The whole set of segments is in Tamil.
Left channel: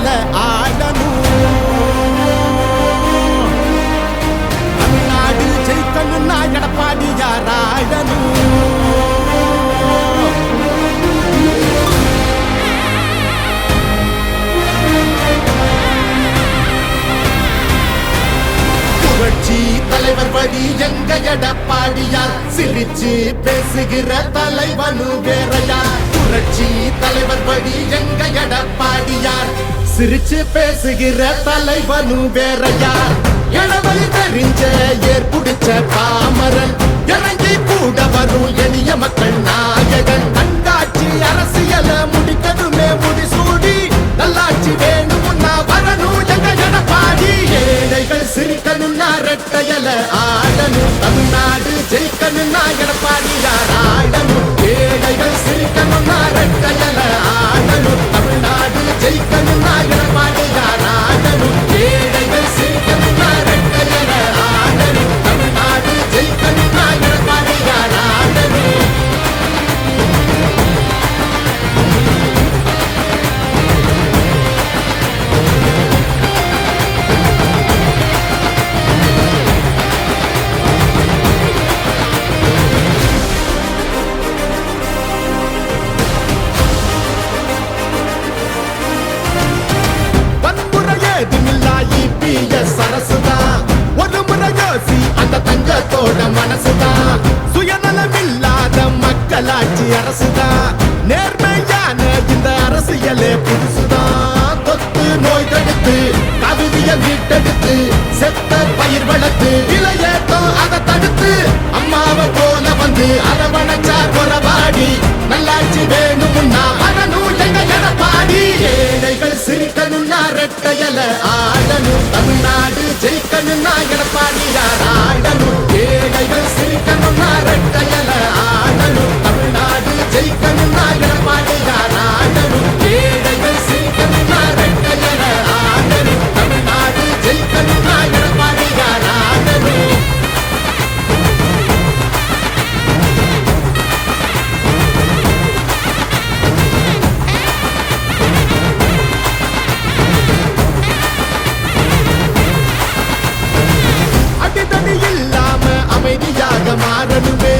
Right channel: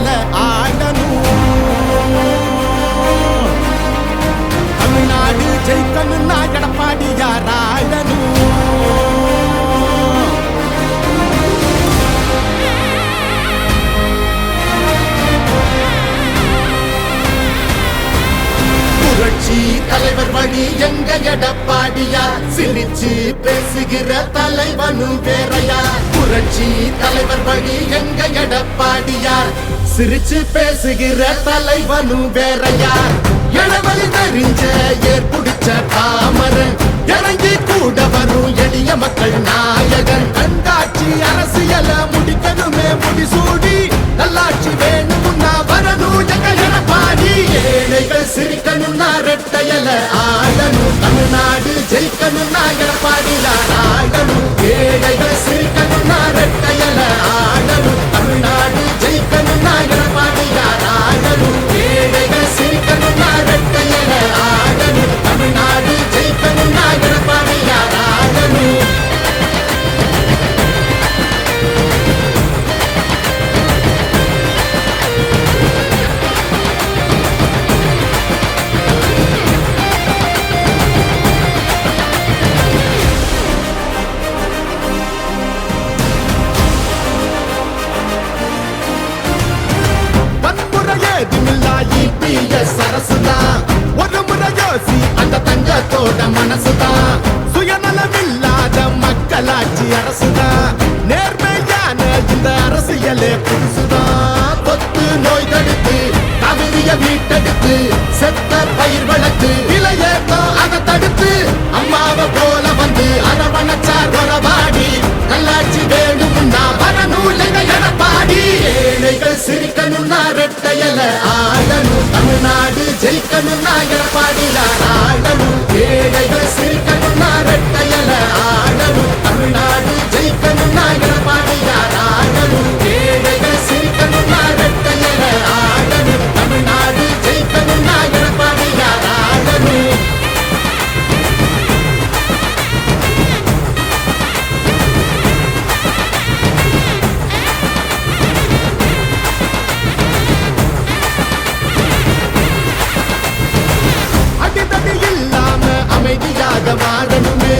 ரெட்டையல ஆடணும். தமிழ்நாடு ஜெயிக்கணும்னா எடப்பாடியார் ஆடணும். புரட்சி தலைவர் வழி எங்க எடப்பாடியார், சிரிச்சு பேசுகிற தலைவனு வேறையார். புரட்சி தலைவர் வழி எங்க எடப்பாடியார், சிரிச்சு பேசுகிற தலைவனு வேறையார். இளவலி தெரிஞ்ச ஏற்புடிச்ச பாமரன், இறங்கி கூட வரும் எளிய மக்கள் நாயகன். கண்காட்சி அரசியல முடிக்கணுமே முடிசூடி, நல்லாட்சி வேணும்னா வரணும் எங்க எடப்பாடி. ஏழைகள் சிரிக்கணும்னா ரெட்டையல ஆடணும். தமிழ்நாடு ஜெயிக்கணும்னா எடப்பாடியார் ஆடணும். ஏழைகள் சிரிக்கணும்னா ரெட்டையல ஆடணும். தமிழ்நாடு ஜெயிக்கணும்னா எடப்பாடியார் ஆடணும். ஏழைகள் சிரிக்கணும்னா ரெட்டையல ஆடணும். தமிழ்நாடு ஜெயிக்கணும்னா எடப்பாடியார் ஆடணும். சரசுதான் ஒரு முறை யோசி, அந்த தங்கத்தோட மனசுதான். சுயநலமில்லாத மக்களாட்சி அரசுதான். நேர்மையான இந்த அரசியலே புதுசுதான். தொத்து நோய் தடுத்து கவிதைய வீட்டெடுத்து, செத்த பயிர் வளர்த்து இளையேத்தம் அதை தடுத்து, அம்மாவை போல வந்து அரவணைச்சார் வரவாடி. நல்லாட்சி வேணும்னா வரணும் எங்க எடப்பாடி. ஏழைகள் சிரிக்கணும்னா ரெட்டையல ஆடணும். தமிழ்நாடு ஜெயிக்கணும்னா எடப்பாடியார் ஆடணும். ஏழைகள் சிரிக்கணும்னா ரெட்டையல ஆடணும். தமிழ்நாடு ஜெயிக்கணும்னா எடப்பாடியார் ஆடணும். ஏழைகள் சிரிக்கணும்னா ரெட்டையல ஆடணும். தமிழ்நாடு ஜெயிக்கணும்னா எடப்பாடியார் ஆடணும். அடிதடி இல்லாம அமைதியாக மாறணுமே,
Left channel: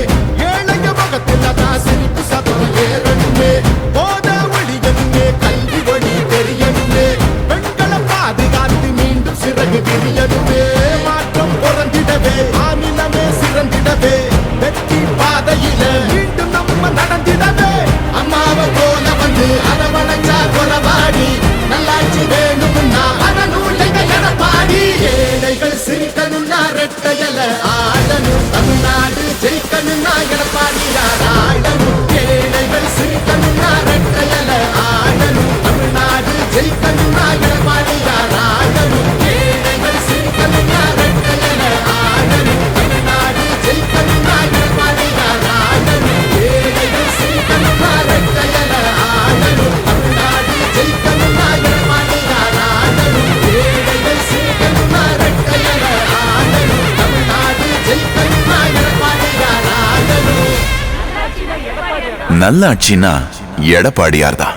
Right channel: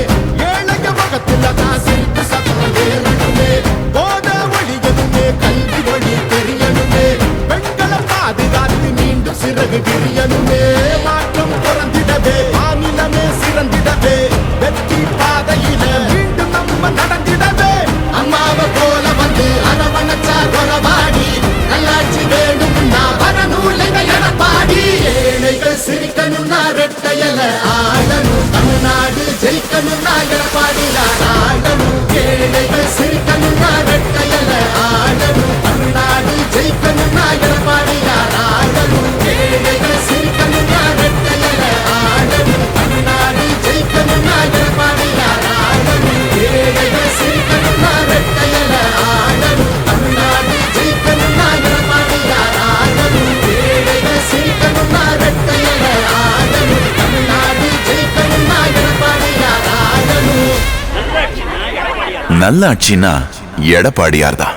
ஏழைய முகத்தில் தான் சிரிப்பு சத்தம் ஏறணுமே. போத ஒழியணுமே, கல்வி வழி தெரியணுமே, பெண்களை பாதுகாத்து மீண்டும் சிறகு விரியணுமே. மாற்றம் பிறந்திடவே, மாநிலமே சிறந்திடவே, வெற்றி பாதையில மீண்டும் நம்ம நடந்திடவே. அம்மாவை போல வந்து அரவணைச்சார் வரவாடி. நல்லாட்சி வேணும்னா வரணும் எங்க எடப்பாடி. ஏழைகள் சிரிக்கணும்னா ரெட்டையல ஆடணும். தமிழ்நாடு ஜெயிக்கணும்னா எடப்பாடியார் ஆடணும். ஏழைகள் சிரிக்கணும்னா ரெட்டையல ஆடணும். தமிழ்நாடு ஜெயிக்கணும்னா எடப்பாடியார் ஆடணும். ஏழைகள் சிரிக்கணும்னா ரெட்டையல ஆடணும். தமிழ்நாடு ஜெயிக்கணும்னா எடப்பாடியார் ஆடணும். ஏழைகள் சிரிக்கணும்னா ரெட்டையல ஆடணும். தமிழ்நாடு ஜெயிக்கணும்னா எடப்பாடியார் ஆடணும். ஏழைகள் சிரிக்கணும்னா ரெட்டையல ஆடணும். தமிழ்நாடு ஜெயிக்கணும்னா எடப்பாடியார் ஆடணும். நல்லாட்சினா எடப்பாடியார் தான்.